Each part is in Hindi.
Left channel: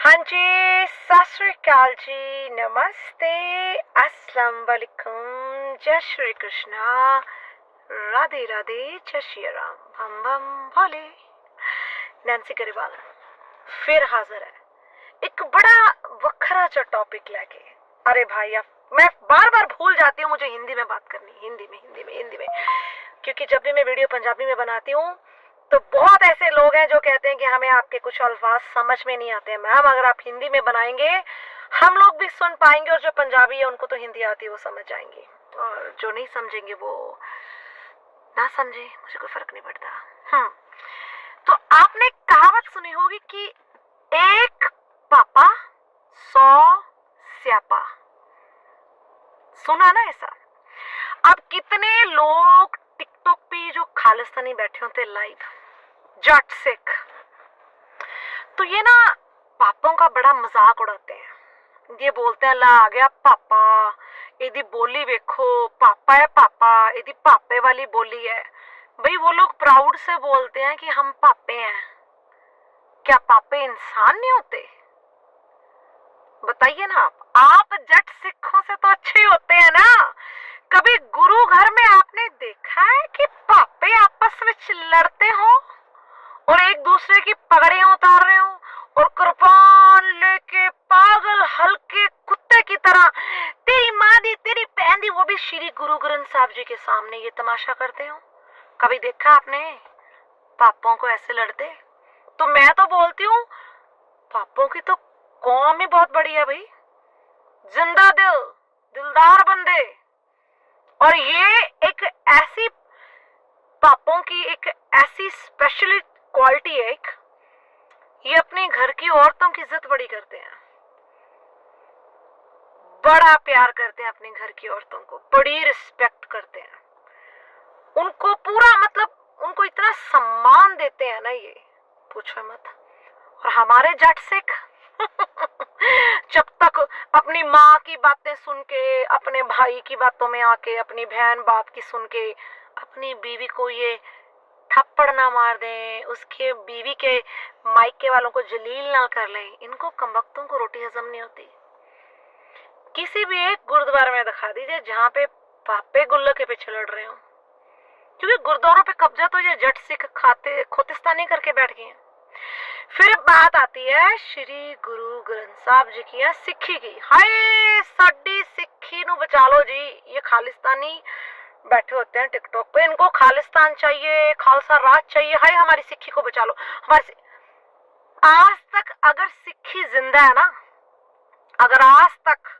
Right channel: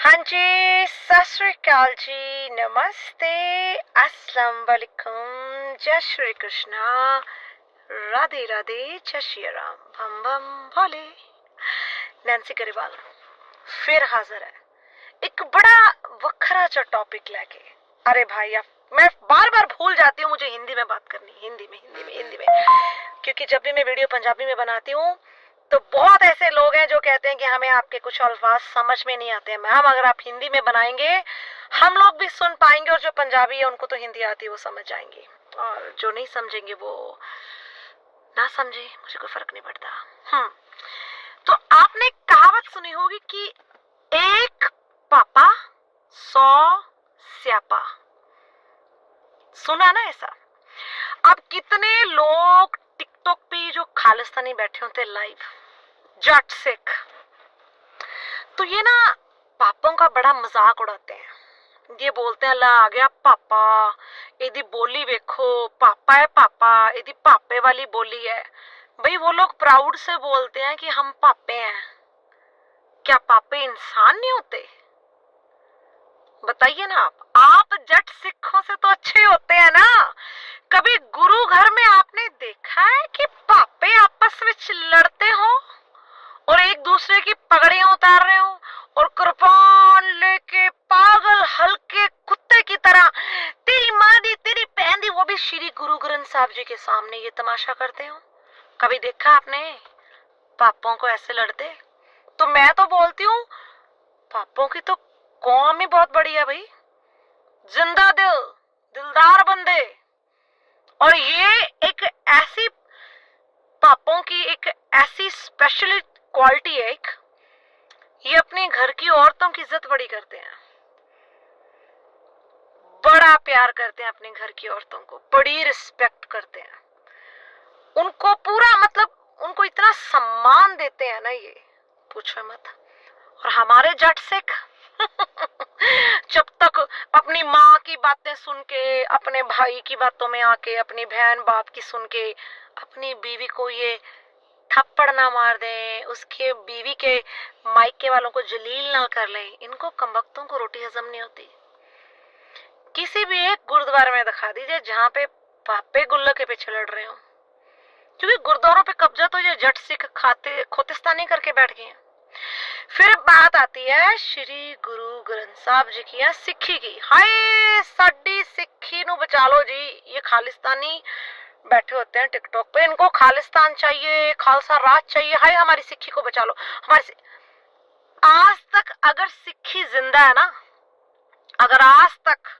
हाँ जी, सत श्री अकाल जी, नमस्ते, अस्सलाम वालेकुम, जय श्री कृष्णा, राधे राधे, जय श्री राम, बम बम भोले। नैन्सी ग्रेवाल फिर हाजिर है एक बड़ा वखरा सा टॉपिक लेके। अरे भाई अब मैं बार बार भूल जाती हूँ मुझे हिंदी में बात करनी, हिंदी में, क्योंकि जब भी मैं वीडियो पंजाबी में बनाती हूँ तो बहुत ऐसे लोग हैं जो कहते हैं कि हमें आपके कुछ अल्फाज समझ में नहीं आते हैं। मैम अगर आप हिंदी में बनाएंगे हम लोग भी सुन पाएंगे, और जो पंजाबी है उनको तो हिंदी आती है, वो समझ जाएंगे, और जो नहीं समझेंगे वो ना समझे, मुझे कोई फर्क नहीं पड़ता। तो आपने एक कहावत सुनी होगी कि एक पापा 100 स्यापा। सुना ना ऐसा? अब कितने लोग टिकटॉक पे जो खालिस्तानी बैठे होते लाइव, जट सिख, तो ये ना पापों का बड़ा मजाक उड़ाते हैं। ये बोलते हैं ला आ गया पापा, एदी बोली वेखो, पापा है पापा, एदी पापे वाली बोली है। भाई वो लोग प्राउड से बोलते हैं कि हम पापे हैं। क्या पापे इंसान नहीं होते? बताइए ना आप जट सिखों से तो अच्छे होते हैं ना। कभी गुरु घर में आपने देखा है कि पापे आपस में लड़ते हो और एक दूसरे की पगड़ियां उतार रहे हो और कृपान लेके पागल हल्के कुत्ते की तरह तेरी माँ दी तेरी बहन दी, वो भी श्री गुरु ग्रंथ साहब जी के सामने ये तमाशा करते हो? कभी देखा आपने पापों को ऐसे लड़ते? तो मैं तो बोलती हूँ पापों की तो कौम ही बहुत बड़ी है भाई, जिंदा दिल, दिलदार बंदे। और ये एक ऐसी पापों की एक ऐसी स्पेशल क्वालिटी है, एक ये अपने घर की औरतों की इज्जत बड़ी करते हैं, बड़ा प्यार करते हैं अपने घर की औरतों को, बड़ी रिस्पेक्ट करते हैं उनको, पूरा मतलब उनको इतना सम्मान देते हैं ना, ये पूछो मत। और हमारे जट सिख जब तक अपनी माँ की बातें सुन के, अपने भाई की बातों में आके, अपनी बहन बाप की सुन के अपनी बीवी को ये थप्पड़ ना मार दें, उसके बीवी के मायके वालों को जलील ना कर लें, इनको कमबख्तों को रोटी हजम नहीं होती। किसी भी एक गुरुद्वारे में दिखा दीजिए जहाँ पे पापे गुल्लो के पीछे लड़ रहे हो, क्योंकि गुरुद्वारों पे कब्जा तो ये जट सिख खाते खोतिस्तानी करके बैठ गए हैं। फिर बात आती है श्री गुरु ग्रंथ साहब जी की या सिक्खी की। हाय साडी सिक्खी नु बचा लो जी, ये खालिस्तानी बैठे होते हैं टिकटॉक पे, इनको खालिस्तान चाहिए, खालसा राज चाहिए। हाय हमारी सिक्खी को बचा लो। हमारी आज तक अगर सिक्खी जिंदा है ना, अगर आज तक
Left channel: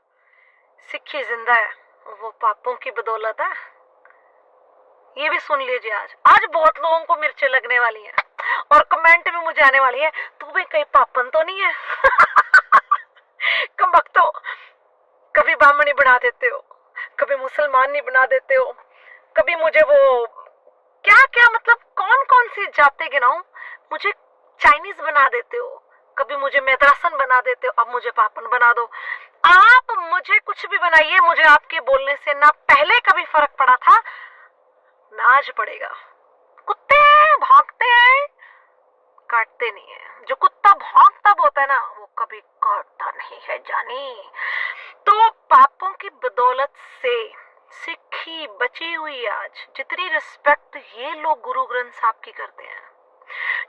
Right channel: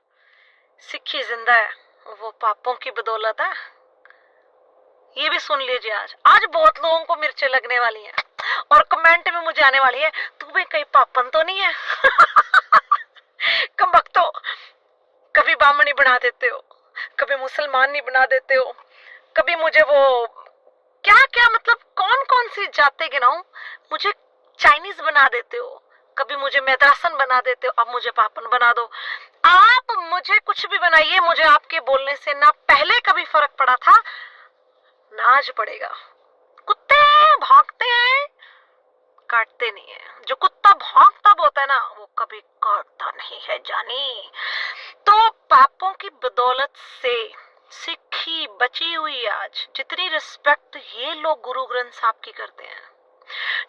सिक्खी जिंदा है, वो पापों की बदौलत है। ये भी सुन लीजिए, आज आज बहुत लोगों को मिर्चें लगने वाली हैं और कमेंट में मुझे आने वाली है तू भी कहीं पापन तो नहीं है। कम वक्त हो, कभी बामणी बना देते हो, कभी मुसलमान नहीं बना देते हो, कभी मुझे वो क्या क्या मतलब कौन कौन सी जाते गिनाऊं, मुझे चाइनीज बना देते हो, कभी मुझे मैदासन बना देते हो, अब मुझे पापन बना दो। आप मुझे कुछ भी बनाइए, मुझे आपके बोलने से ना पहले कभी फर्क पड़ा था ना आज पड़ेगा। कुत्ते भागते हैं, काटते नहीं है। जो कुत्ता भौंकता होता है ना, वो कभी काटता नहीं है जानी। तो पापों की बदौलत से सिक्खी बची हुई। आज जितनी रिस्पेक्ट ये लोग गुरु ग्रंथ साहब की करते हैं,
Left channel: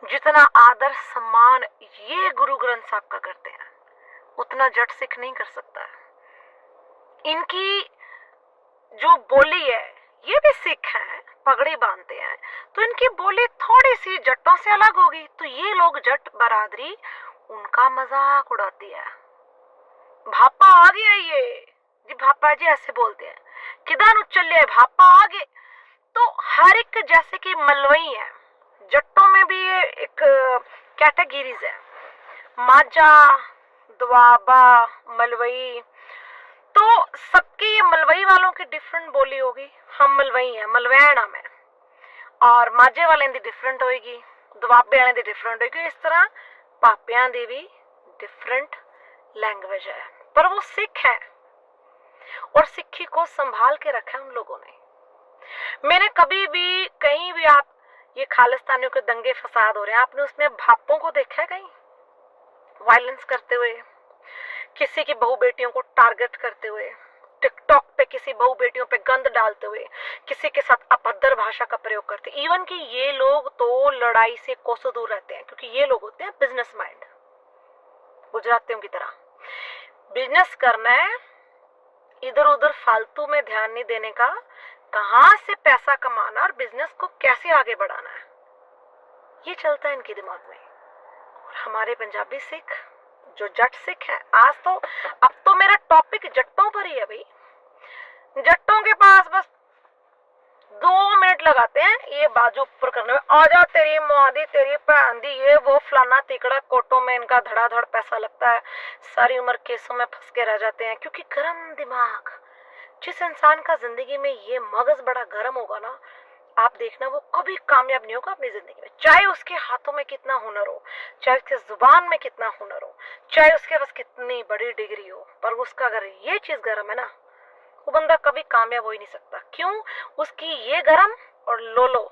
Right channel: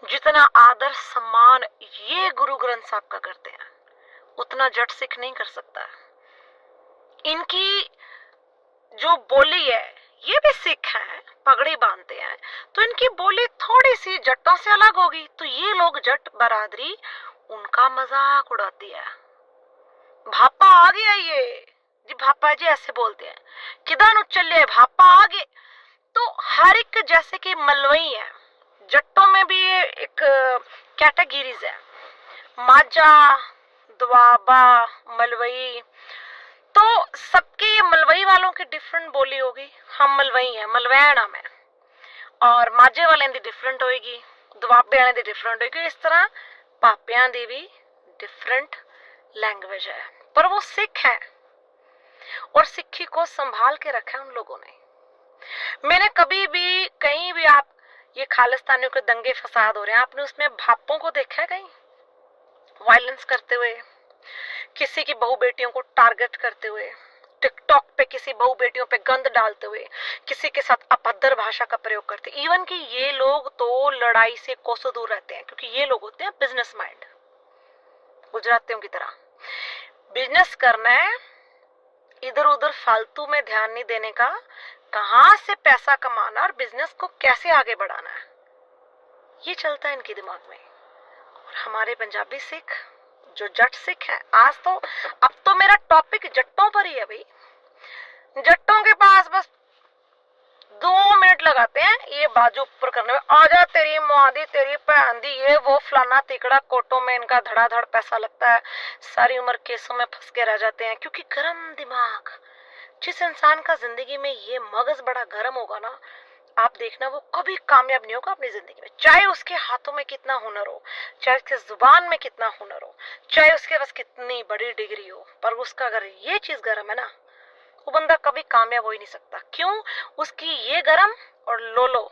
जितना आदर सम्मान ये गुरु ग्रंथ साहब का करते हैं, उतना जट सिख नहीं कर सकता। इनकी जो बोली है, ये भी सिख हैं, पगड़ी बांधते हैं, तो इनकी बोली थोड़ी सी जट्टों से अलग होगी, तो ये लोग जट बरादरी उनका मजाक उड़ाती है। भापा आ गया ये जी, भापा जी ऐसे बोलते हैं, किधर नु चले भापा आ गए। तो हर एक, जैसे कि मलवई है, जट्टों में भी ये एक कैटेगरीज है, माझा, दुआबा, मलवई। तो सबकी मलवई वालों की डिफरेंट बोली होगी। हम मलवई हैं, मलवैन हम है, और माझे वाले दी डिफरेंट होएगी, दुआबे वाले दी डिफरेंट होएगी। इस तरह पापियां दी भी डिफरेंट लैंग्वेज है, पर वो सिख है और सिक्खी को संभाल के रखा है उन लोगों ने। मैंने कभी भी कहीं भी, आप ये खालिस्तानियों के दंगे फसाद हो रहे हैं, आपने उसमें भापों को देखा है कहीं? वायलेंस करते हुए, किसी की बहू बेटियों को टारगेट करते हुए, टिकटॉक पे किसी बहू बेटियों पे गंद डालते हुए, किसी के साथ अभद्र भाषा का प्रयोग करते। इवन कि ये लोग तो लड़ाई से कोसों दूर रहते हैं, क्योंकि ये लोग होते हैं बिजनेस माइंड, गुजरातियों की तरह। बिजनेस करना है, इधर उधर फालतू में ध्यान नहीं देने का, कहां से पैसा कमाना और बिजनेस को कैसे आगे बढ़ाना है, ये चलता है इनके दिमाग में। और हमारे पंजाबी सिख जो जट सिख हैं, आज तो अब तो मेरा टॉपिक जट्टों पर ही है भाई। जट्टों के पास बस 2 मिनट लगाते हैं ये बाजू ऊपर करने में, आजा तेरी मादी तेरी भैन दी ये वो फलाना तिकड़ा, कोटों में इनका धड़ाधड़ पैसा लगता है, सारी उम्र केसों में फंस के रह जाते हैं। क्योंकि गर्म दिमाग, जिस इंसान का जिंदगी में ये मगज बड़ा गर्म होगा ना, आप देखना वो कभी कामयाब नहीं होगा अपनी जिंदगी में। चाहे उसके हाथों में कितना हुनर हो, चाहे उसके जुबान में कितना हुनर हो, चाहे उसके पास कितनी बड़ी डिग्री हो, पर उसका अगर ये चीज गर्म है ना, वो बंदा कभी कामयाब हो ही नहीं सकता। क्यों? उसकी ये गरम और लोलो,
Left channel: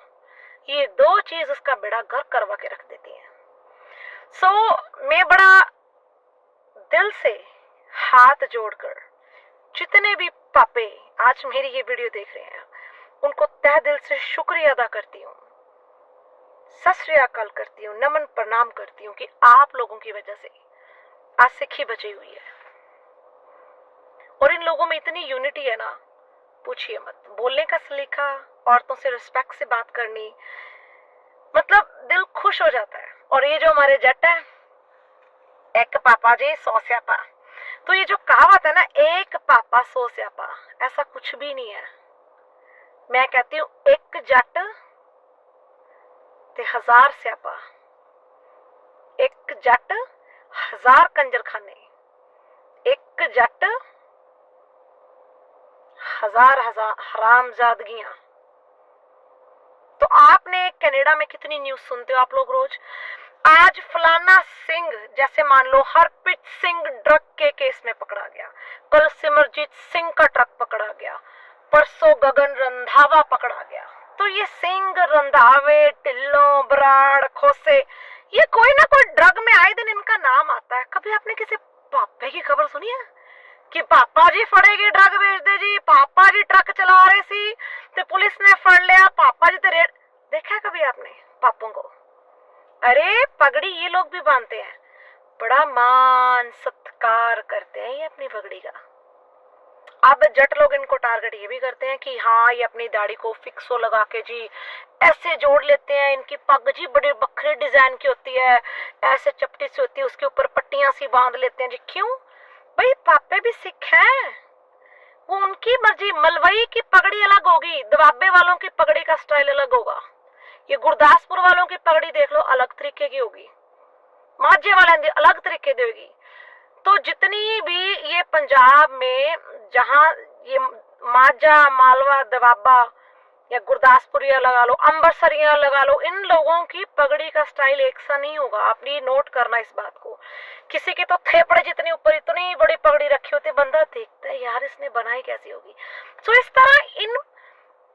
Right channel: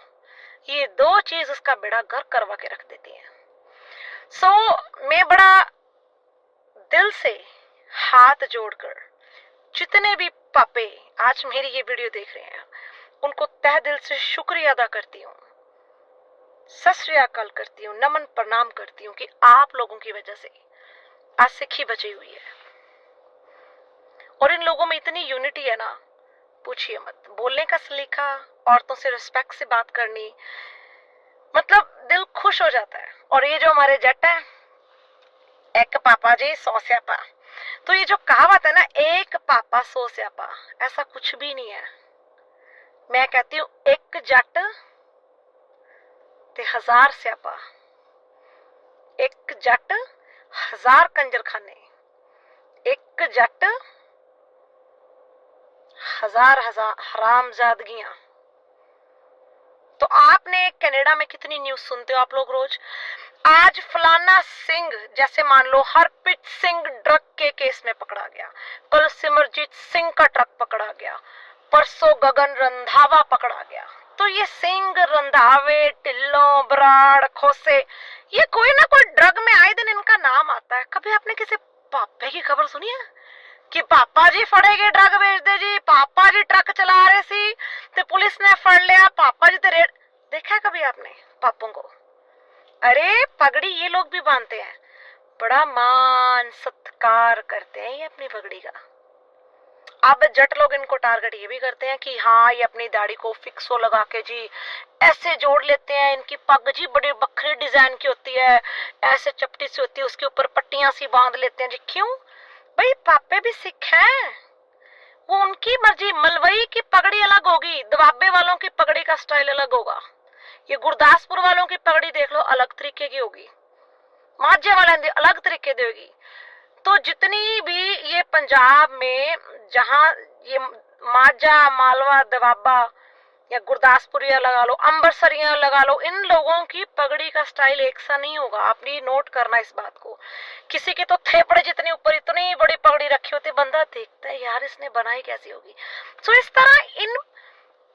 ये 2 चीज उसका बेड़ा गर्क करवा के रख देती है। मैं बड़ा दिल से हाथ जोड़कर जितने भी पापे आज मेरी ये वीडियो देख रहे हैं, उनको तहे दिल से शुक्रिया अदा करती हूँ, सत श्री अकाल करती हूँ, नमन प्रणाम करती हूँ कि आप लोगों की वजह से आज सिखी बची हुई है। और इन लोगों में इतनी यूनिटी है ना, पूछिए मत। बोलने का सलीका, औरतों से रिस्पेक्ट से बात करनी, मतलब दिल खुश हो जाता है। और ये जो हमारे जट है, एक पापा जी 100 स्यापा, तो ये जो कहावत है ना, एक पापा 100 स्यापा, ऐसा कुछ भी नहीं है। मैं कहती हूँ एक जट ते 1000 स्यापा, एक जट 1000 कंजरखाने, एक जट 1000 हरामजादगियां। तो आपने कनाडा में कितनी न्यूज सुनते हो आप लोग रोज। आज फलाना सिंह, जैसे मान लो हरप्रीत सिंह ड्रग के केस में पकड़ा गया, कल सिमरजीत सिंह का ट्रक पकड़ा गया, परसों गगन रंधावा पकड़ा गया। तो ये सिंह, रंधावे, टिल्लो, बराड़, खोसे, ये कोई ना कोई ड्रग में आए दिन इनका नाम आता है। कभी आपने किसी पापे की खबर सुनी है कि पापा जी फड़े गए ड्रग बेचते जी, पापा जी ट्रक चला रहे सी तो पुलिस ने फड़ लिया, पापा जी तो रेड, देखा कभी आपने पापों को? अरे पगड़ी ये लोग भी बांधते हैं, बड़ा मान सत्कार करते हैं ये अपनी पगड़ी का। अब जट लोग इनको टारगेट ये भी करते हैं कि हाँ ये अपनी दाढ़ी को फिक्सो लगा के जी ऐसे जोड़ लेते हैं, इनकी पग जी बड़ी बखरी डिजाइन की होती है, ऐसे चपटी सी होती है, उसके ऊपर पट्टियां सी बांध लेते हैं जी। क्यों भाई? पापे भी सिख हैं, वो उनकी मर्जी। मलवई की पगड़ी अलग होगी, दबाबे वालों की पगड़ी का स्टाइल अलग होगा, ये गुरदासपुर वालों की पगड़ी देख लो अलग तरीके की होगी, माझे वाले अलग तरीके की होगी। तो जितनी भी ये पंजाब में जहां ये माझा, मालवा, दबाबा या गुरदासपुरिया लगा लो, अम्बरसरिया लगा लो, इन लोगों की पगड़ी का स्टाइल एक सा नहीं होगा। आप ये नोट करना इस बात को। किसी की तो थेपड़े जितनी ऊपर इतनी बड़ी पगड़ी रखी होती, बंदा देखता है यार इसने बनाई कैसी होगी। तो इस तरह इन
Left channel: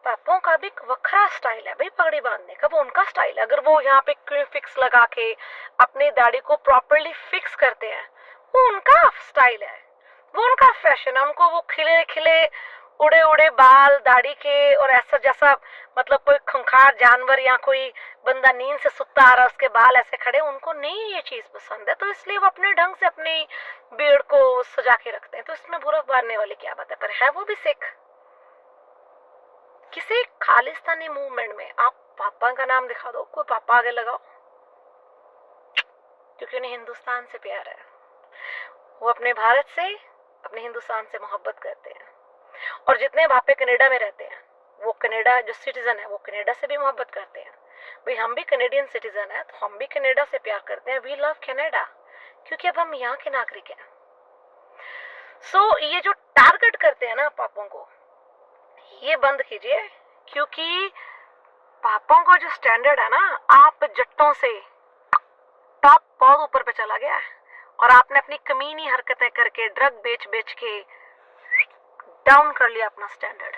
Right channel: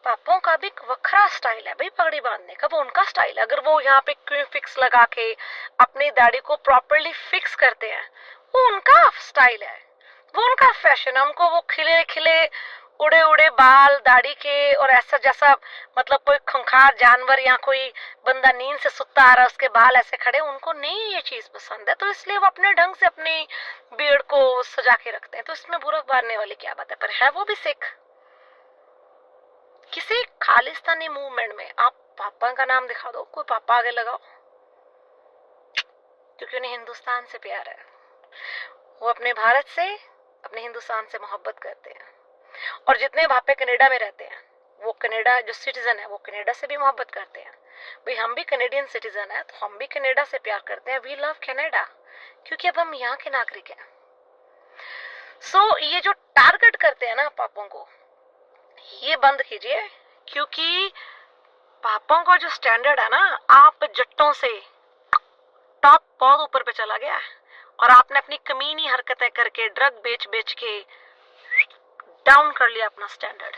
पापों का भी वखरा स्टाइल है भाई पगड़ी बांधने का, वो उनका स्टाइल है। अगर वो यहाँ पे क्यों फिक्स लगा के अपनी दाढ़ी को प्रॉपरली फिक्स करते हैं, वो उनका स्टाइल है, वो उनका फैशन है। उनको वो खिले खिले उड़े उड़े बाल दाढ़ी के, और ऐसा जैसा मतलब कोई खूंखार जानवर या कोई बंदा नींद से सुता आ रहा है उसके बाल ऐसे खड़े, उनको नहीं ये चीज पसंद है। तो इसलिए वो अपने ढंग से अपनी बीड़ को सजा के रखते हैं। तो इसमें बुरा मारने वाली क्या बात है? पर है वो भी सिख। किसी खालिस्तानी मूवमेंट में आप पापा का नाम दिखा दो, कोई पापा आगे लगाओ, क्योंकि उन्हें हिंदुस्तान से प्यार है। वो अपने भारत से, अपने हिंदुस्तान से मोहब्बत करते हैं। और जितने भापे कनाडा में रहते हैं, वो कनाडा जो सिटीजन है वो कनाडा से भी मोहब्बत करते हैं। भाई हम भी कनेडियन सिटीजन है, तो हम भी कनाडा से प्यार करते हैं। वी लव कनाडा, क्योंकि अब हम यहाँ के नागरिक हैं। ये जो टारगेट करते हैं ना पापों को, ये बंद कीजिए। क्योंकि पापों का जो स्टैंडर्ड है ना, आप जट्टों से टॉप बहुत ऊपर पे चला गया है, और आपने अपनी कमीनी हरकतें करके ड्रग बेच बेच के डाउन कर लिया अपना स्टैंडर्ड।